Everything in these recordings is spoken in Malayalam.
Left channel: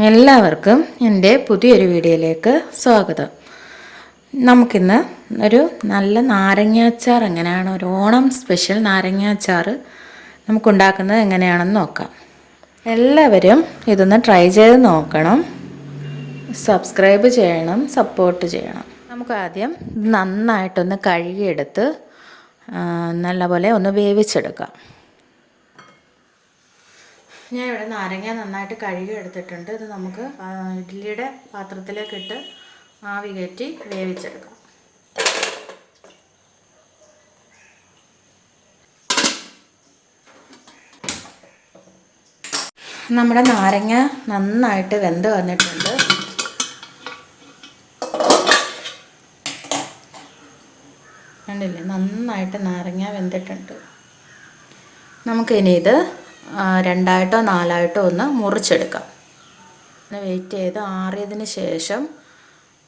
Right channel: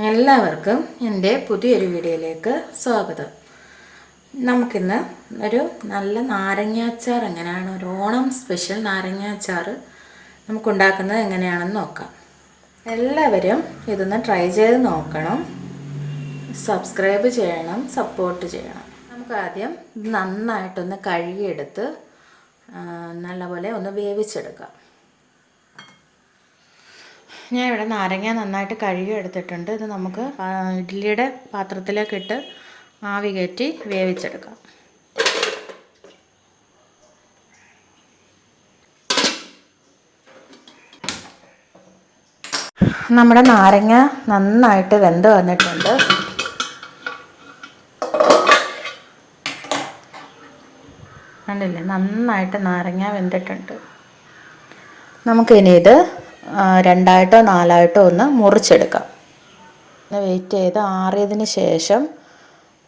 എല്ലാവർക്കും എൻ്റെ പുതിയൊരു വീഡിയോയിലേക്ക് സ്വാഗതം. നമുക്കിന്ന് ഒരു നല്ല നാരങ്ങാച്ചാർ എങ്ങനെയാണ്, ഒരു ഓണം സ്പെഷ്യൽ നാരങ്ങാച്ചാർ നമുക്കുണ്ടാക്കുന്നത് എങ്ങനെയാണെന്ന് നോക്കാം. എല്ലാവരും ഇതൊന്ന് ട്രൈ ചെയ്ത് നോക്കണം, സബ്സ്ക്രൈബ് ചെയ്യണം, സപ്പോർട്ട് ചെയ്യണം. നമുക്ക് ആദ്യം നന്നായിട്ടൊന്ന് കഴുകിയെടുത്ത് നല്ലപോലെ ഒന്ന് വേവിച്ചെടുക്കാം. ഞാൻ ഇവിടെ നാരങ്ങ നന്നായിട്ട് കഴുകി എടുത്തിട്ടുണ്ട്. ഇത് നമുക്ക് ഇഡ്ഡലിയുടെ പാത്രത്തിലേക്ക് ഇട്ട് ആവി കയറ്റി വേവിച്ചെടുക്കാം. നമ്മുടെ നാരങ്ങ നന്നായിട്ട് വെന്ത് വന്നിട്ടുണ്ട്. കണ്ടില്ലേ, നന്നായിട്ട് നാരങ്ങ വെന്തിട്ടുണ്ട്. നമുക്കിനി ഇത് രണ്ടായിട്ടോ നാലായിട്ടോ ഒന്ന് മുറിച്ചെടുക്കാം. വെയിറ്റ് ചെയ്ത് ആറിയതിന് ശേഷം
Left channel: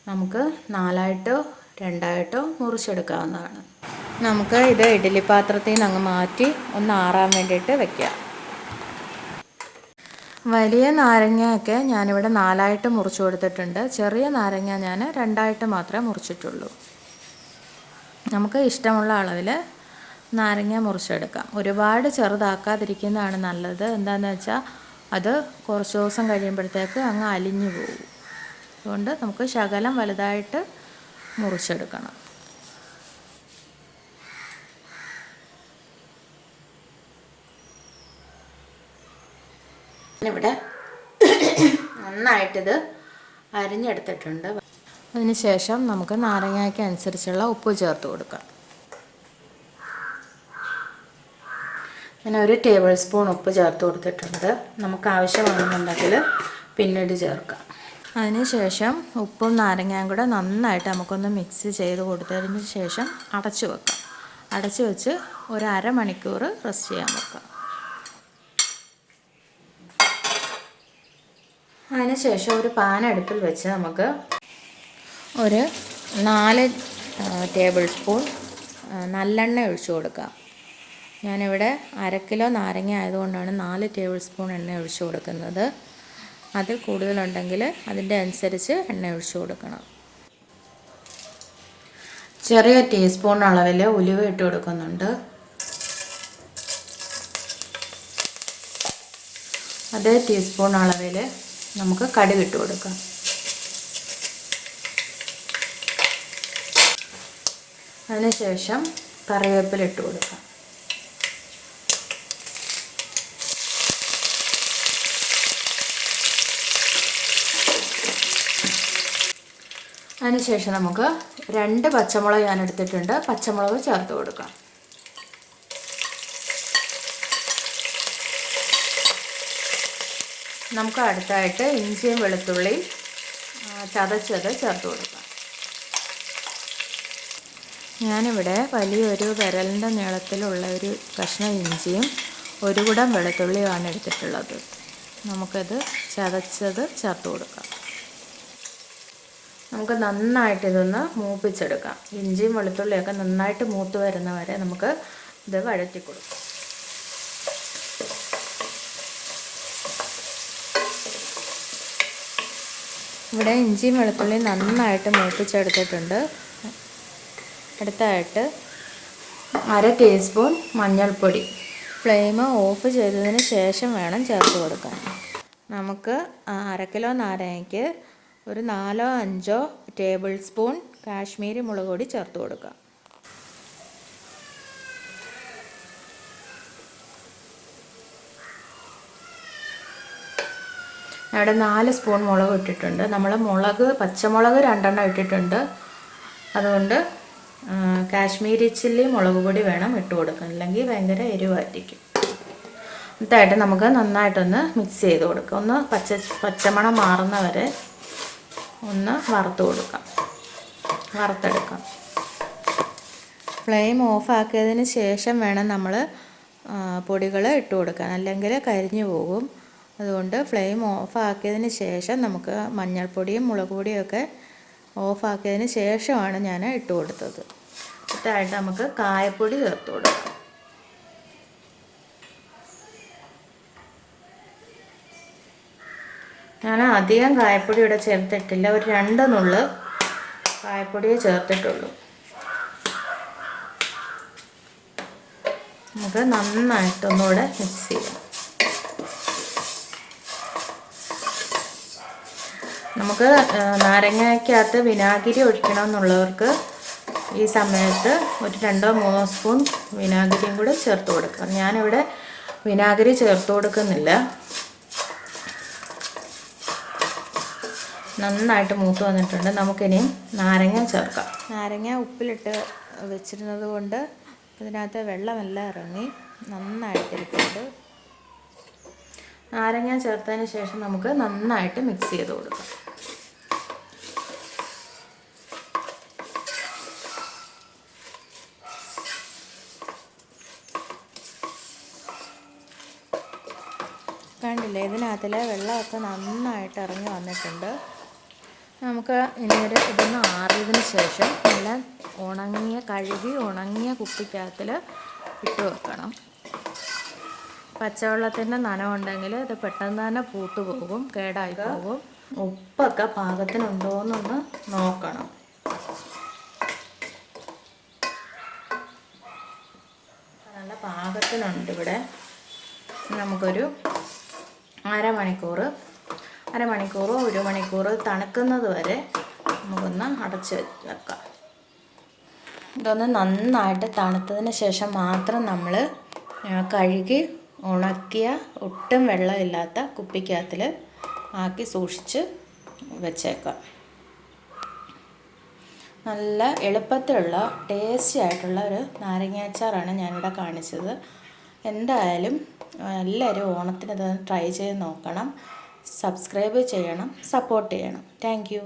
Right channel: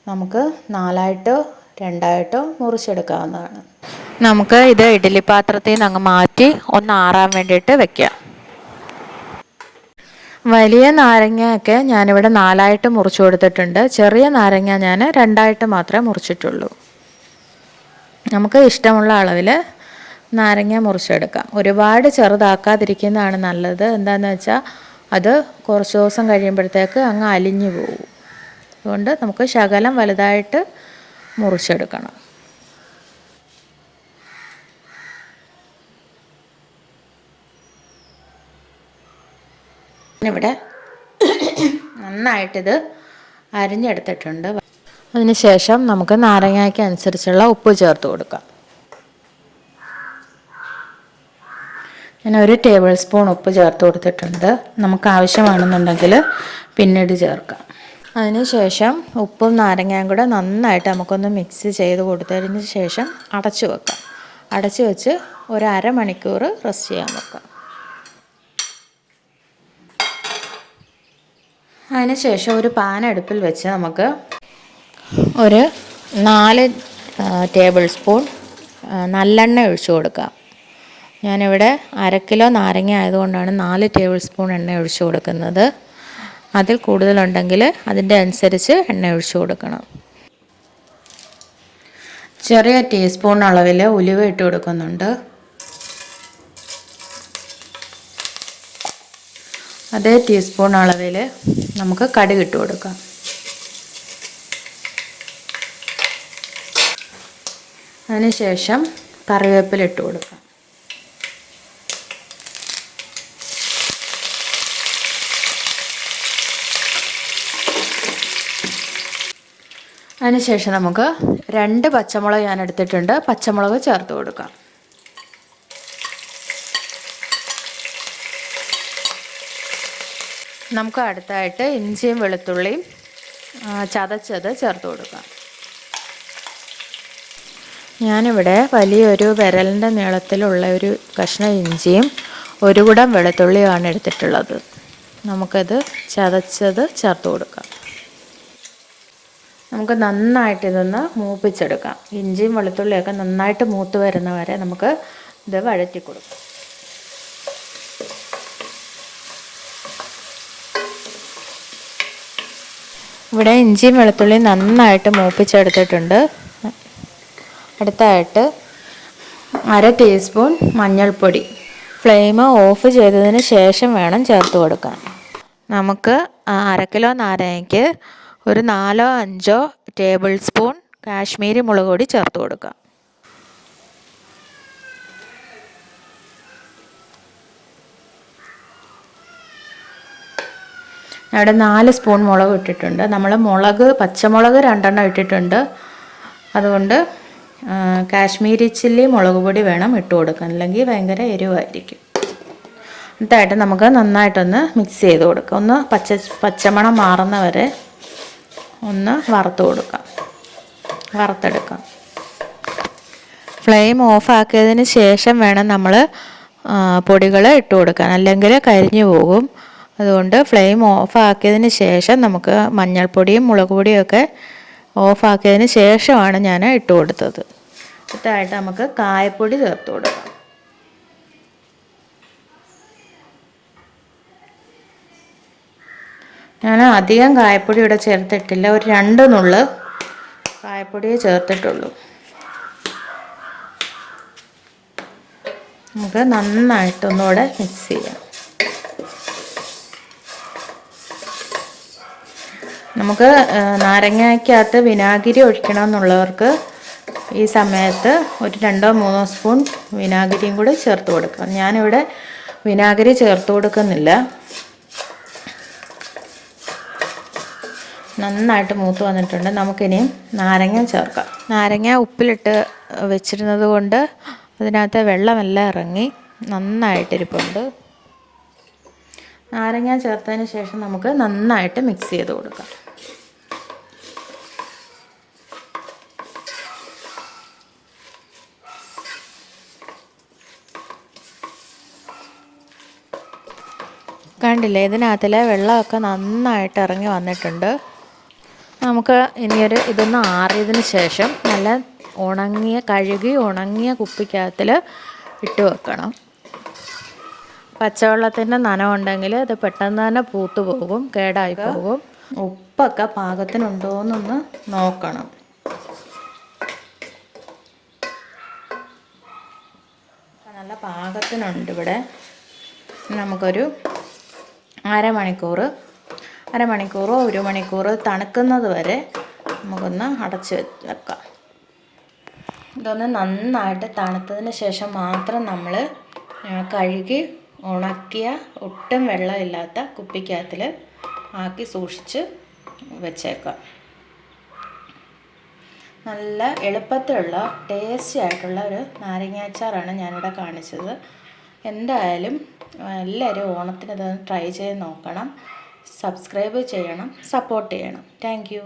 നമുക്ക് നാലായിട്ടോ രണ്ടായിട്ടോ മുറിച്ചെടുക്കാവുന്നതാണ്. നമുക്ക് ഇത് ഇഡ്ഡലി പാത്രത്തിൽ നിന്ന് അങ്ങ് മാറ്റി ഒന്ന് ആറാൻ വേണ്ടിയിട്ട് വെക്കാം. വലിയ നാരങ്ങയൊക്കെ ഞാനിവിടെ നാലായിട്ട് മുറിച്ചു കൊടുത്തിട്ടുണ്ട്. ചെറിയ നാരങ്ങ ഞാൻ രണ്ടായിട്ട് മാത്രമേ മുറിച്ചിട്ടുള്ളൂ. നമുക്ക് ഇഷ്ടമുള്ള അളവിൽ നാരങ്ങ മുറിച്ചെടുക്കാം. ഒരുപാട് ചെറുതാക്കാതിരിക്കുന്നതാണ് നല്ലത്. എന്താണെന്ന് വെച്ചാൽ അത് കുറച്ച് ദിവസം കഴിയുമ്പോഴത്തേക്ക് അങ്ങ് അലിഞ്ഞു പോകും. അതുകൊണ്ട് നമുക്ക് ശകലം വലുതായിട്ട് മുറിച്ചെടുക്കണം. ഇവിടെ നന്നായിട്ടിത് അരിഞ്ഞെടുത്തിട്ടുണ്ട്. അതിന് ശേഷം നമുക്ക് നാരങ്ങയ്ക്ക് അനുസരിച്ചുള്ള ഉപ്പ് ചേർത്ത് കൊടുക്കാം. ഞാൻ 1 ടേബിൾ സ്പൂൺ ഉപ്പ് ചേർത്ത് കൊടുത്തിട്ടുണ്ട്. നമുക്ക് ആവശ്യമാണെന്നുണ്ടെങ്കിൽ പിന്നീട് ചേർക്കാം. അതിന് ശേഷം ഉപ്പും നാരങ്ങയും കൂടെ നന്നായിട്ട് നമുക്കൊന്ന് മിക്സ് ചെയ്ത് കൊടുത്തതിന് ശേഷം അടച്ചു വെക്കാം. അടച്ചു വെച്ച് ഒരു അരമണിക്കൂർ റെസ്റ്റ് ചെയ്യാൻ വെക്കാം. അതിന് ശേഷം ഒരു പാൻ അടുപ്പിൽ വെച്ച് നമുക്ക് ഒരു 4 ടേബിൾ സ്പൂൺ നല്ലെണ്ണ ഒഴിച്ചു കൊടുക്കാം. ഞാനിവിടെ 1/2 കിലോ നാരങ്ങ ആയതുകൊണ്ടാണ് 4 ടേബിൾ സ്പൂൺ എണ്ണ ഒഴിച്ചു കൊടുക്കുന്നത്. അതിൽ കൂടുതലുണ്ടെങ്കിൽ അതിൻ്റെ അനുസരിച്ച് എണ്ണ ഒഴിച്ചു കൊടുക്കണം. ചെറിയ ടീസ്പൂൺ അളവിൽ ഉലുവ ഇട്ട് കൊടുക്കുന്നുണ്ട്. അതേ ടീസ്പൂൺ അളവിൽ നമുക്ക് കടുക് ഇട്ട് കൊടുക്കാം. അതിനുശേഷം കറിവേപ്പില ഇട്ട് കൊടുക്കാം. അതിനുശേഷം നമുക്ക് 2 പച്ചമുളക് ഞാൻ എടുത്തിട്ടുണ്ട്. പച്ചമുളക് ചേർത്ത് കൊടുക്കാം. നമുക്ക് അടുത്തായിട്ട് ഇഞ്ചിയും വെളുത്തുള്ളിയും ചതച്ചത് ചേർത്ത് കൊടുക്കാം. ഞാനിവിടെ വലിയൊരു വിരലിൻ്റെ നീളത്തിലുള്ള ഒരു കഷ്ണം ഇഞ്ചിയും 1 കുടം വെളുത്തുള്ളിയുമാണ് എടുത്തിട്ടുള്ളത്. നമുക്കത് ചതച്ചത് ചേർത്ത് കൊടുക്കാം. നമുക്ക് നന്നായിട്ട് ഇതൊന്ന് മൂപ്പിച്ചെടുക്കാം. ഇഞ്ചിയും വെളുത്തുള്ളിയൊക്കെ നന്നായിട്ട് മൂത്ത് വരുന്ന വരെ നമുക്ക് ഇത് വഴറ്റി കൊടുക്കാം. ഇവിടെ ഇഞ്ചിയും വെളുത്തുള്ളിയും നന്നായിട്ട് മൂപ്പിച്ചെടുത്തിട്ടുണ്ട്. അടുത്തായിട്ട് 1/2 ടീസ്പൂൺ മഞ്ഞൾപ്പൊടി. ഫ്ലെയിം ഓഫ് ചെയ്തതിന് ശേഷം വേണം ചേർത്ത് കൊടുക്കാൻ. നമുക്ക് 1/2 കിലോ നാരങ്ങയ്ക്ക് ഒരു 4-5 ടേബിൾ സ്പൂൺ കാശ്മീരി മുളക് പൊടി ചേർത്ത് കൊടുക്കാം. ഇവിടെ 4 സ്പൂൺ മുളക് ഇട്ടിട്ടുണ്ട്. നമ്മൾ പച്ചമുളക് 2 എണ്ണം ഇട്ടിട്ടുണ്ട്. അതുകൊണ്ട് കാശ്മീരി ചില്ലി മുളക് പൊടി വേണം ഇട്ട് കൊടുക്കാൻ, അല്ലെങ്കിൽ ഭയങ്കര എരിവായിരിക്കും. ഇതായിട്ട് നമുക്ക് നന്നായിട്ടൊന്ന് മിക്സ് ചെയ്ത് കൊടുക്കാം. ഒന്ന് പച്ചമണം മാറുന്ന വരെ ഒന്ന് വറുത്തെടുക്കാം. ഫ്ലെയിം ഓഫാക്കിയതിന് ശേഷം വേണം നമ്മൾ പൊടികൾ ഇട്ട് കൊടുക്കാൻ, അല്ലെങ്കിൽ കരിഞ്ഞു പോകും. അതുകൊണ്ട് ഫ്ലെയിം ഓഫാക്കിയതിന് ശേഷം നമുക്ക് മഞ്ഞൾപ്പൊടിയും മുളക് പൊടിയൊക്കെ ഓഫാക്കിയതിന് ശേഷമാണ് ഞാൻ ഇട്ട് കൊടുത്തത്. ഇതായിട്ട് നമുക്ക് കായപ്പൊടി ചേർത്ത് കൊടുക്കാം. ഞാൻ അധികം കായപ്പൊടി ഇവിടെ ചേർത്തിട്ടില്ല, ഒരു 2 നുള്ള് കായപ്പൊടി ചേർത്തിട്ടുള്ളൂ. നമുക്ക് നന്നായിട്ടൊന്നുകൂടെ മിക്സ് ചെയ്യാം. നമുക്ക് നാരങ്ങയ്ക്കകത്ത് വിനാഗിരി ഒഴിക്കണം എന്നുള്ളവർക്ക് ഈ സമയത്ത് ഒരു 2-3 സ്പൂൺ വിനാഗിരിയും കൂടി ചേർത്ത് കൊടുക്കാം. ഞാനിവിടെ വിനാഗിരി ചേർത്ത് കൊടുക്കുന്നില്ല. നന്നായിട്ട് മൂത്ത് വന്നിട്ടുണ്ട്. നമുക്കിനിയും നാരങ്ങ ചേർക്കാം. നാരങ്ങ ഉപ്പിലിട്ട് വെച്ചിരുന്നത് കൊണ്ട് അതിനകത്ത് വെള്ളമെല്ലാം ഇറങ്ങി നന്നായിട്ടിരിപ്പുണ്ട്. നാരങ്ങ ചേർത്തതിന് ശേഷം നമുക്ക് നന്നായിട്ട് മിക്സ് ചെയ്ത് കൊടുക്കാം. കണ്ടില്ലേ, ഇതിനകത്തിലെ വെള്ളമൊക്കെ നന്നായിട്ട് ഇറങ്ങി വന്നിട്ടുണ്ട്. നമുക്ക് ഇതൊന്ന് ആറിയതിന് ശേഷം നല്ല കഴുകി ഉണങ്ങിയ കുപ്പിക്കകത്തിൽ ഇട്ട് വെക്കണം. പച്ചവെള്ളത്തിൻ്റെ നനവുണ്ടെങ്കിൽ ഇത് പെട്ടെന്ന് തന്നെ പൂത്തു പോകും, കേടായി പോകും. ഉപ്പൊക്കെ പാകത്തിനുണ്ടോ എന്നൊന്ന് നോക്കണം. നല്ല പാകത്തിനുണ്ട് ഇവിടെ. നമുക്കൊരു അരമണിക്കൂറോ 1 മണിക്കൂർ തണുക്കുന്നത് വരെ നമുക്കൊന്ന് അടച്ച് വെക്കാം. ഇതൊന്ന് നന്നായിട്ട് തണുത്തതിന് ശേഷം മാത്രം നമ്മൾ കഴുകി ഉണക്കിയ ഒട്ടും വെള്ളമില്ലാത്ത കുപ്പിക്കകത്തിൽ ആക്കി സൂക്ഷിച്ച് വെച്ചേക്കാം. നല്ല എളുപ്പത്തിലുള്ള ടേസ്റ്റി ആയിട്ടുള്ള ഒരു നാരങ്ങാച്ചാറാണ് ഞാനിവിടെ കാണിച്ചത്. എന്തായാലും എല്ലാവരും ഓണത്തിന് ഇതൊന്ന് ട്രൈ ചെയ്ത് നോക്കണം. സബ്സ്ക്രൈബ് ചെയ്യണം, സപ്പോർട്ട് ചെയ്യണം. Thank you.